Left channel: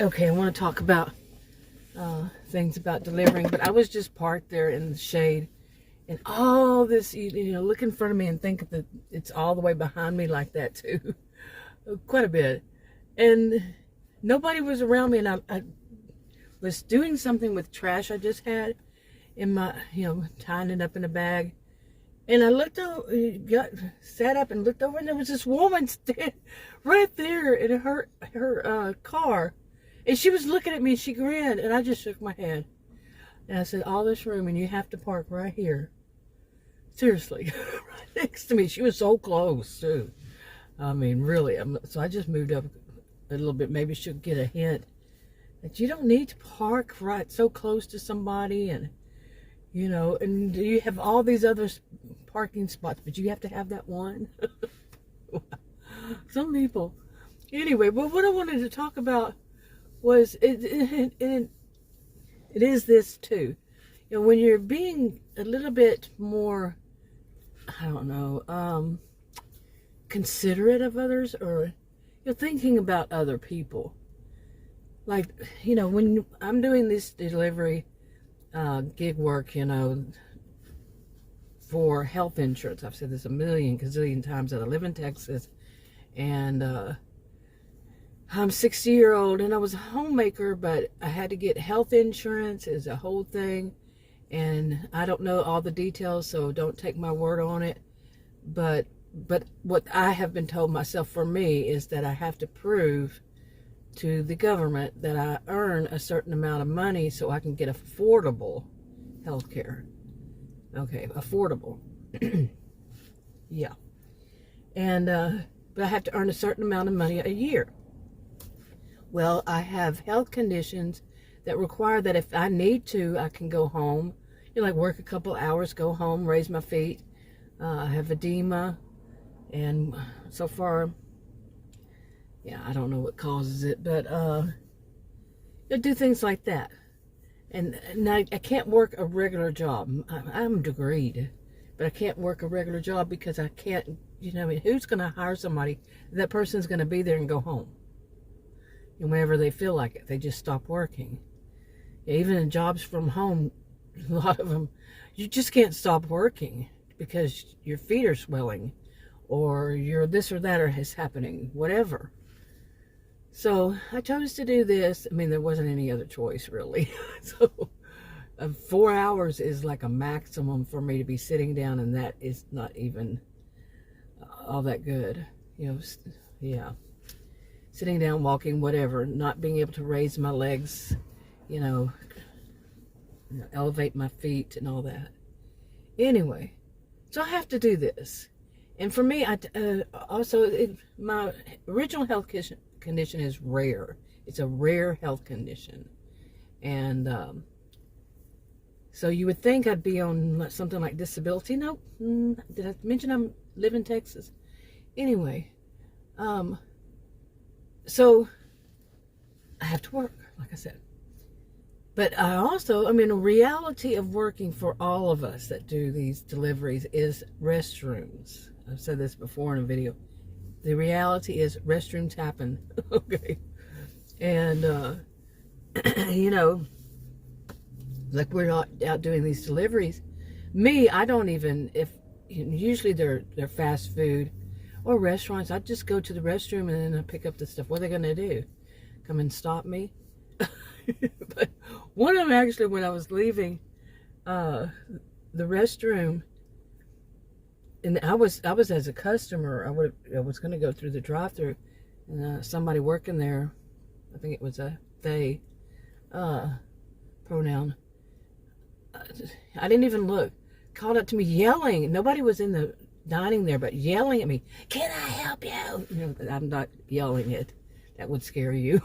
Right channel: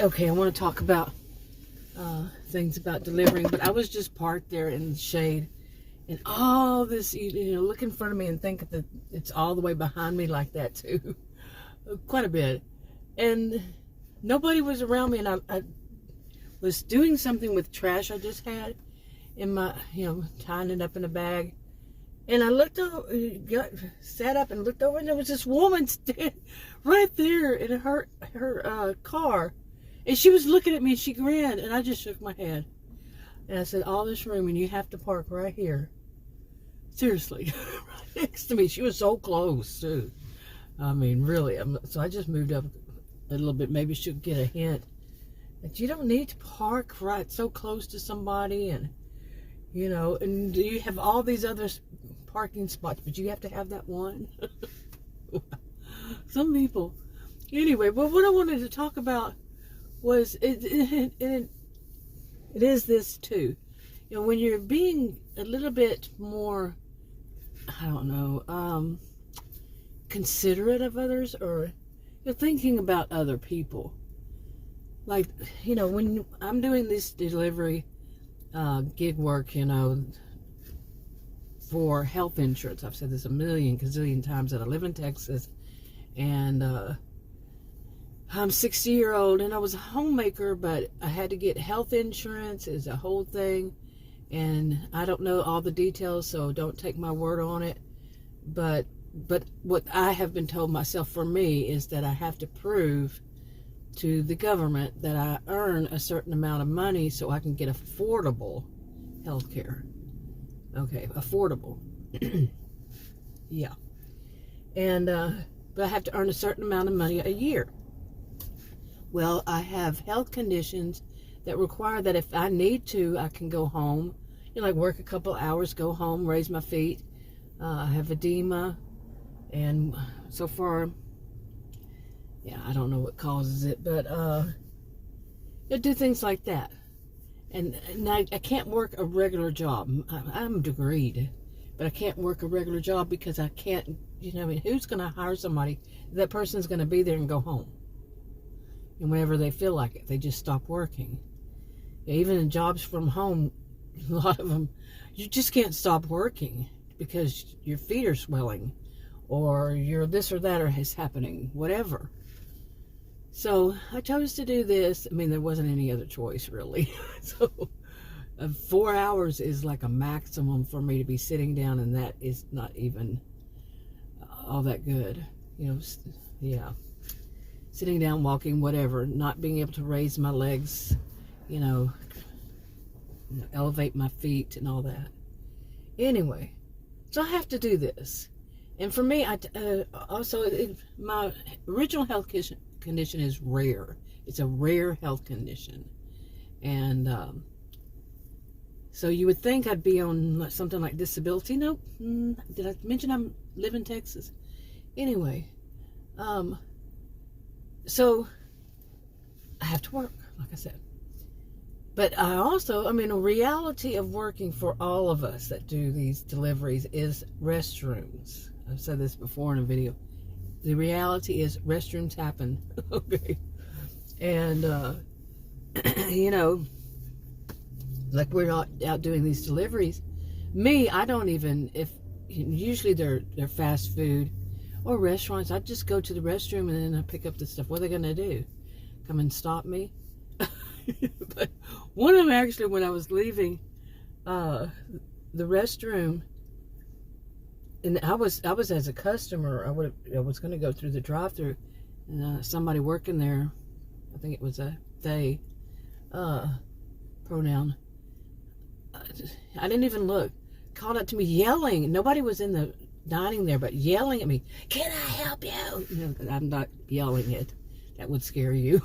Okay, I want to talk about things about delivering, but I was just parked there in the shade, and all this, look in front of me and think that it's all the way behind me like that too, quite a bit, and nobody was around me, and I was doing something with trash I just had in my, tying it up in a bag, and I looked over, sat up and looked over, and there was this woman standing right there in her car. And she was looking at me, and she grinned, and I just shook my head. And I said, all this room, and you have to park right here. Seriously, right next to me. She was so close, too. I mean, really. So I just moved up a little bit. Maybe she'll get a hint that you don't need to park right so close to somebody. And, and you have all these other parking spots, but you have to have that one. Some people. Anyway, but what I wanted to talk about was it is this too. When you're being a little bit more, I don't know, considerate of others, or you're thinking about other people. Like, when I'm doing this delivery gig work, for health insurance. I've said this a million gazillion times that I live in Texas, and I'm 60-year-old, and I was a homemaker, but I had to get health insurance. It's a whole thing, and I don't know all the details, so don't take my word on it. But what I have been told myself, for me, is that I have to prove to the government that I earn a certain amount of money so I can get affordable health care. Okay, affordable. Yeah. And but I have to earn a certain amount of money a year. Well, I have health conditions that require that if I need to, I can go home, like work a couple hours, go home, raise my feet. I have edema, and so far, I don't know what causes it, but I do things like that. And I can't work a regular job. I'm degreed, but I can't work a regular job because I can't, who's going to hire somebody? That person's going to be there and go home. And whenever they feel like it, they just stop working. Even in jobs from home, a lot of them, you just can't stop working because your feet are swelling, or you're this or that, or is happening, whatever. So I chose to do this. I mean, there wasn't any other choice, really. So 4 hours is like a maximum for me to be sitting down, and that is not even all that good. Yeah. Sitting down, walking, whatever, not being able to raise my legs, elevate my feet and all that. Anyway, so I have to do this. And for me, my original health condition is rare. It's a rare health condition. And so you would think I'd be on something like disability. No, did I mention I live in Texas? Anyway, so I have to work, like I said. But I also, a reality of working for all of us that do these deliveries is restrooms. I've said this before in a video. The reality is restrooms happen. Okay. And, like we're out doing these deliveries. Me, I don't even, usually they're fast food or restaurants. I just go to the restroom and then I pick up the stuff. What are they going to do? Come and stop me? But one of them, actually, when I was leaving the restroom, and I was as a customer, I was going to go through the drive-thru, and somebody working there, I think it was a they pronoun, I didn't even look, called up to me yelling. Nobody was in the dining there, but yelling at me, "Can I help you?" I'm not yelling it. That would scare you.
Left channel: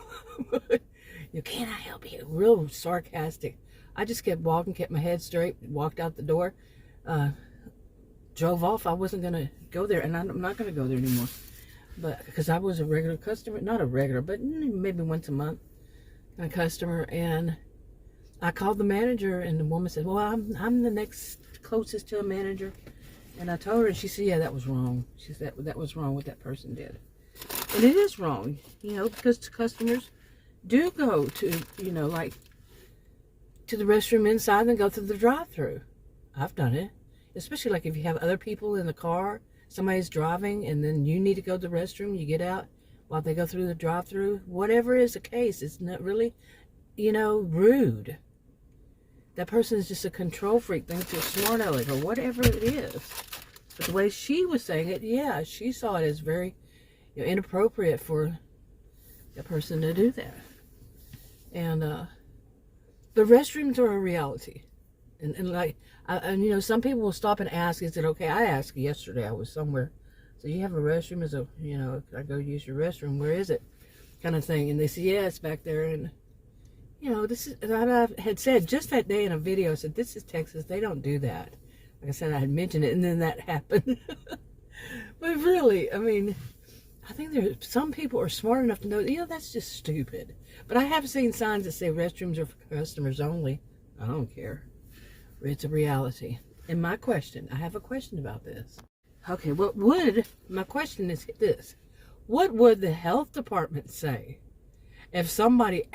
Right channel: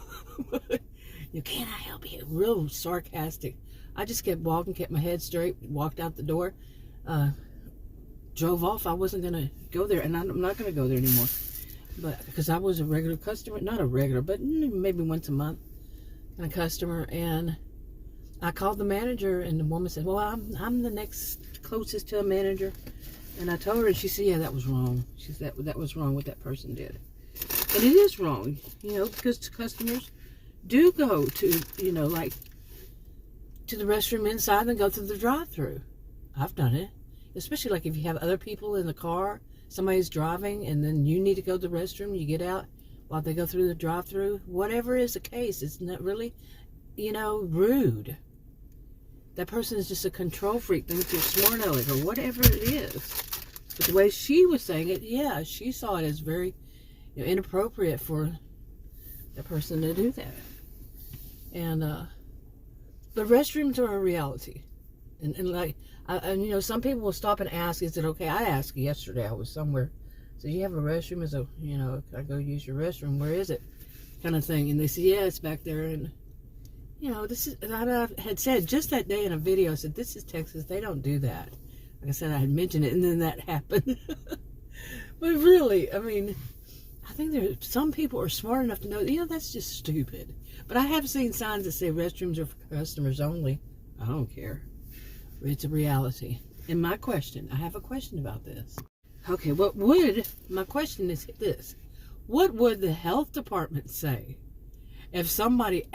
Can I help you? Real sarcastic. I just kept walking, kept my head straight, walked out the door, drove off. I wasn't going to go there, and I'm not going to go there anymore. But because I was a regular customer, not a regular, but maybe once a month, a customer, and I called the manager, and the woman said, "Well, I'm the next closest to a manager." And I told her, and she said, "Yeah, that was wrong." She said that was wrong what that person did. And it is wrong, because customers, do go to, like to the restroom inside and go through the drive-through. I've done it, especially like if you have other people in the car, somebody's driving, and then you need to go to the restroom, you get out while they go through the drive-through. Whatever is the case, it's not really, rude. That person is just a control freak, thinks you're smart aleck or whatever it is. But the way she was saying it, yeah, she saw it as very inappropriate for the person to do that. And the restrooms are a reality. And like, some people will stop and ask, is it okay? I asked yesterday, I was somewhere. So you have a restroom? As a, I go use your restroom. Where is it? Kind of thing. And they said, yeah, it's back there. And, this is, and I had said just that day in a video, I said, this is Texas. They don't do that. Like I said, I had mentioned it, and then that happened. But really, I mean, I think some people are smart enough to know, that's just stupid. But I have seen signs that say restrooms are for customers only. I don't care. It's a reality. And I have a question about this. Okay, my question is this. What would the health department say if somebody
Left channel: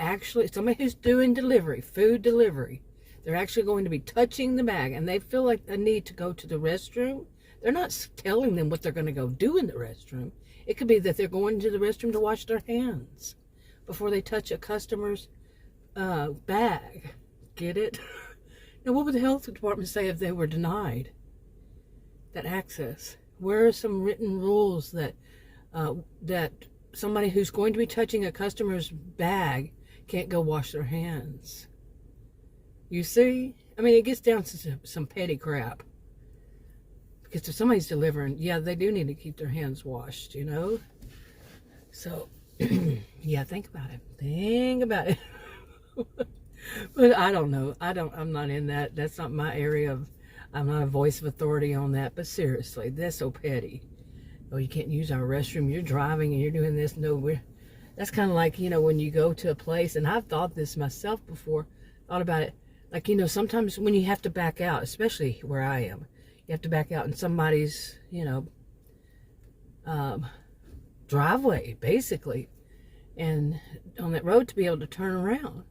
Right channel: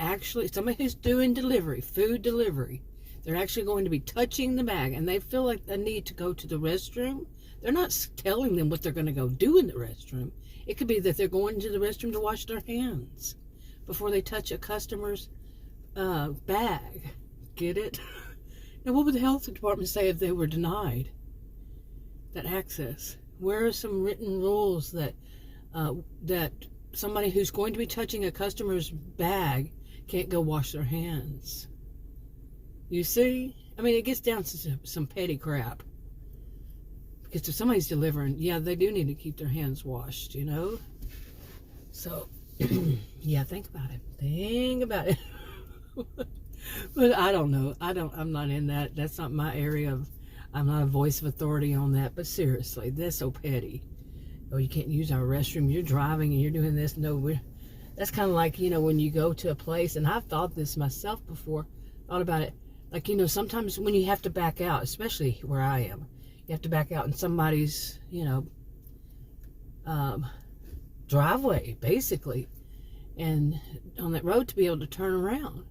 who's doing delivery, food delivery, they're actually going to be touching the bag and they feel like a need to go to the restroom? They're not telling them what they're going to go do in the restroom. It could be that they're going to the restroom to wash their hands before they touch a customer's bag. Get it? Now, what would the health department say if they were denied that access? Where are some written rules that somebody who's going to be touching a customer's bag can't go wash their hands? You see? I mean, it gets down to some petty crap. Because if somebody's delivering, yeah, they do need to keep their hands washed, So, yeah, think about it. Think about it. But I don't know. I'm not in that. That's not my area I'm not a voice of authority on that. But seriously, that's so petty. Oh, you can't use our restroom. You're driving and you're doing this. No, that's kind of like, when you go to a place, and I've thought this myself before, thought about it. Like, sometimes when you have to back out, especially where I am, you have to back out in somebody's, driveway, basically, and on that road to be able to turn around.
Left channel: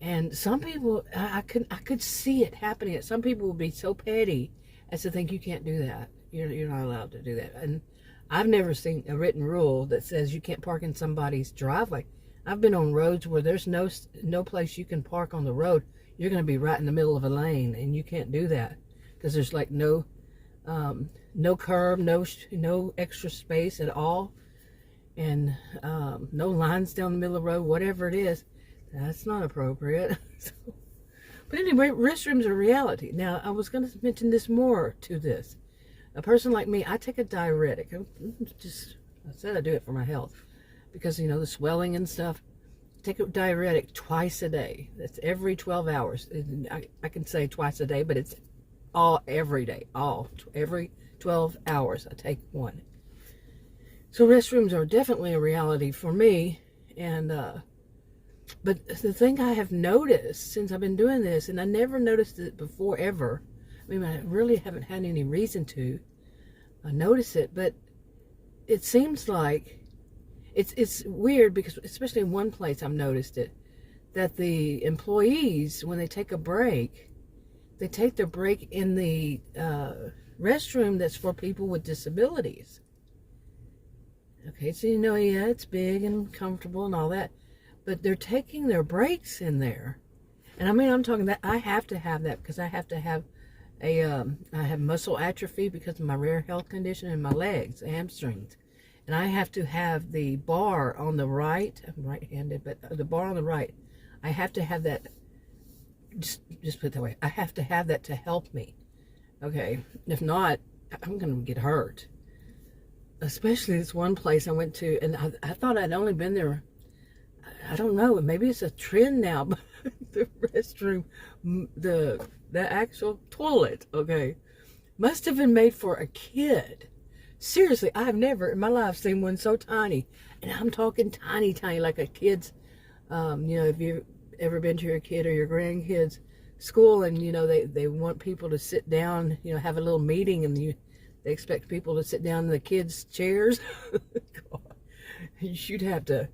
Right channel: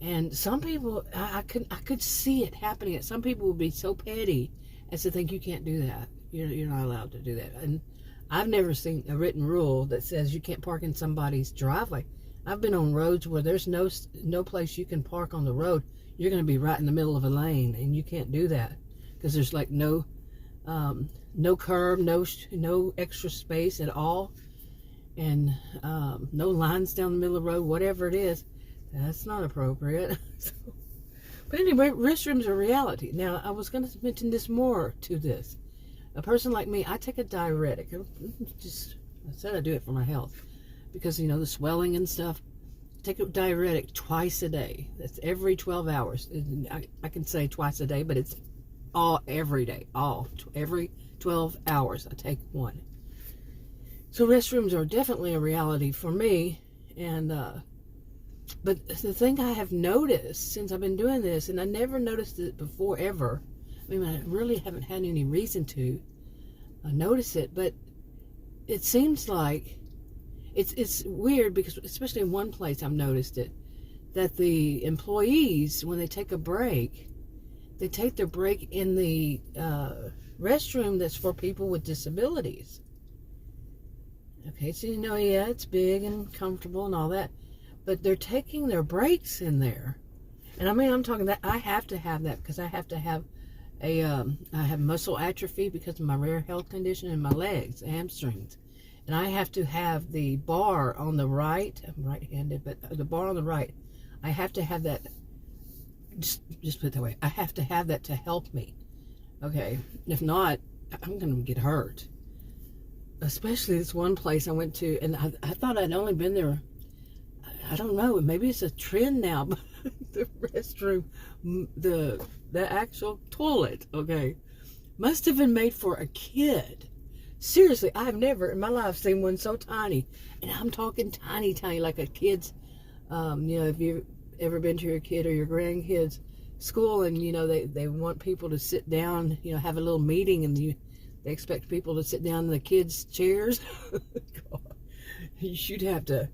And some people, I could see it happening. Some people will be so petty as to think you can't do that. You're not allowed to do that. And I've never seen a written rule that says you can't park in somebody's driveway. I've been on roads where there's no place you can park on the road. You're going to be right in the middle of a lane, and you can't do that because there's like no curb, no extra space at all, and no lines down the middle of the road. Whatever it is, that's not appropriate. But anyway, restrooms are reality. Now, I was going to mention this more to this. A person like me, I take a diuretic. I said I do it for my health because, the swelling and stuff. Take a diuretic twice a day. That's every 12 hours. I can say twice a day, but it's every day. Every 12 hours I take one. So restrooms are definitely a reality for me. And but the thing I have noticed since I've been doing this, and I never noticed it before ever. I mean, I really haven't had any reason to notice it, but it seems like it's weird because, especially in one place, I've noticed it, that the employees, when they take a break, they take their break in the restroom that's for people with disabilities. Okay, so yeah, it's big and comfortable and all that, but they're taking their breaks in there. And I mean, I'm talking that I have to have that because I have to have I have muscle atrophy because of my rare health condition in my legs, hamstrings. And I have to have the bar on the right, I'm right-handed, but the bar on the right, I have to have that, just put it that way, I have to have that to help me. Okay, if not, I'm going to get hurt. Especially this one place I went to, and I thought I'd only been there, I don't know, maybe it's a trend now, but the restroom, the actual toilet, okay, must have been made for a kid. Seriously, I've never in my life seen one so tiny. And I'm talking tiny, like a kid's, if you've ever been to your kid or your grandkids' school and, they want people to sit down, have a little meeting and they expect people to sit down in the kids' chairs. You'd have to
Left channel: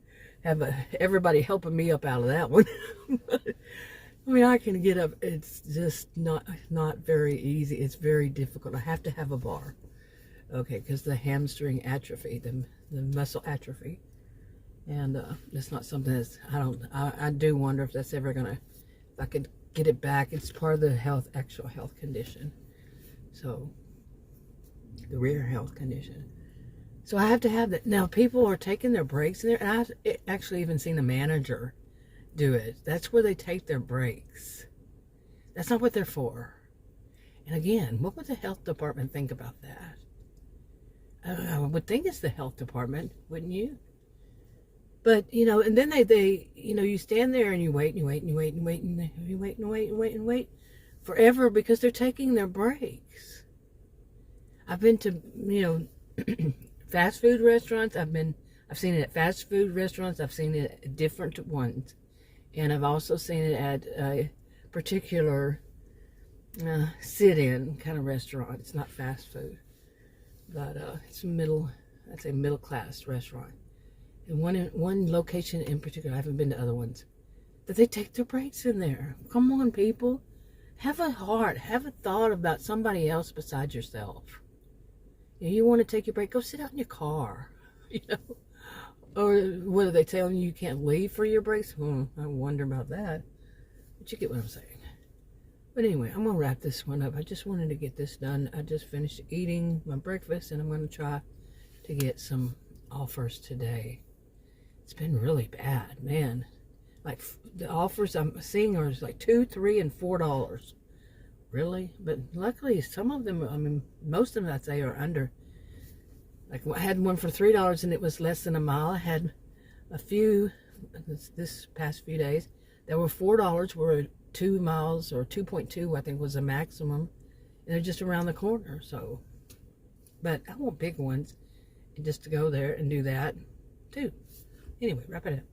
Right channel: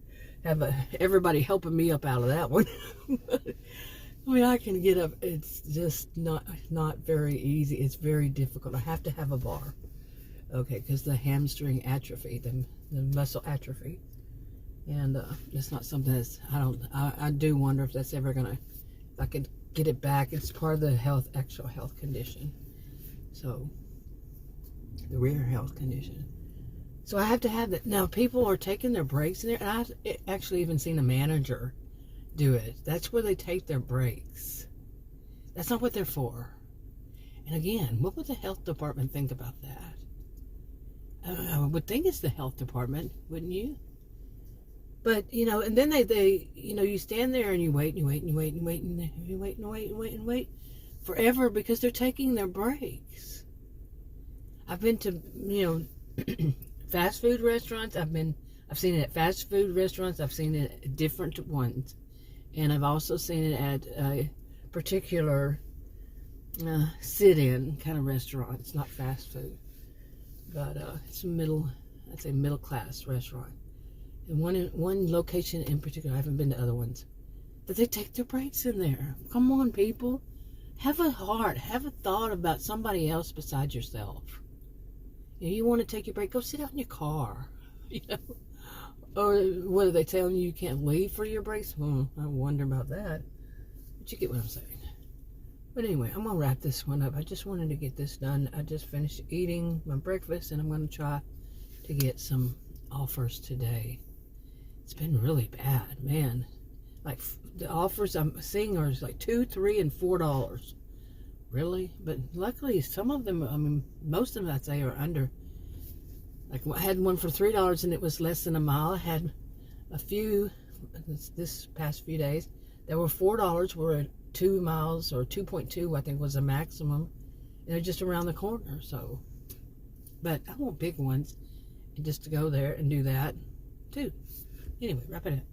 have everybody helping me up out of that one. I mean, I can get up. It's just not very easy. It's very difficult. I have to have a bar. Okay, because the hamstring atrophy, the muscle atrophy. And it's not something that's, I do wonder if that's ever going to, if I could get it back. It's part of the actual health condition. So, the rear health condition. So I have to have that. Now, people are taking their breaks in there, and I've actually even seen a manager do it. That's where they take their breaks. That's not what they're for. And again, what would the health department think about that? I would think it's the health department, wouldn't you? But, you know, and then they you know, you stand there and you wait and you wait and you wait and wait and you wait and wait and wait and wait forever because they're taking their breaks. I've been to, you know, fast food restaurants. I've seen it at fast food restaurants. I've seen it at different ones. And I've also seen it at a particular sit-in kind of restaurant. It's not fast food. But it's I'd say middle-class restaurant. And one location in particular, I haven't been to other ones, that they take their breaks in there. Come on, people. Have a heart. Have a thought about somebody else besides yourself. You want to take your break, go sit out in your car. You know? Or what are they telling you can't leave for your breaks? I wonder about that. But you get what I'm saying. But anyway, I'm going to wrap this one up. I just wanted to get this done. I just finished eating my breakfast, and I'm going to try to get some offers today. It's been really bad, man. Like, the offers I'm seeing are like $2, $3, and $4. Really? But luckily, some of them, I mean, most of them I'd say are under. Like, I had one for $3 and it was less than a mile. I had a few this past few days that were $4, were 2 miles or 2.2, I think was the maximum. And they're just around the corner. So, but I want big ones, and just to go there and do that too. Anyway, wrap it up.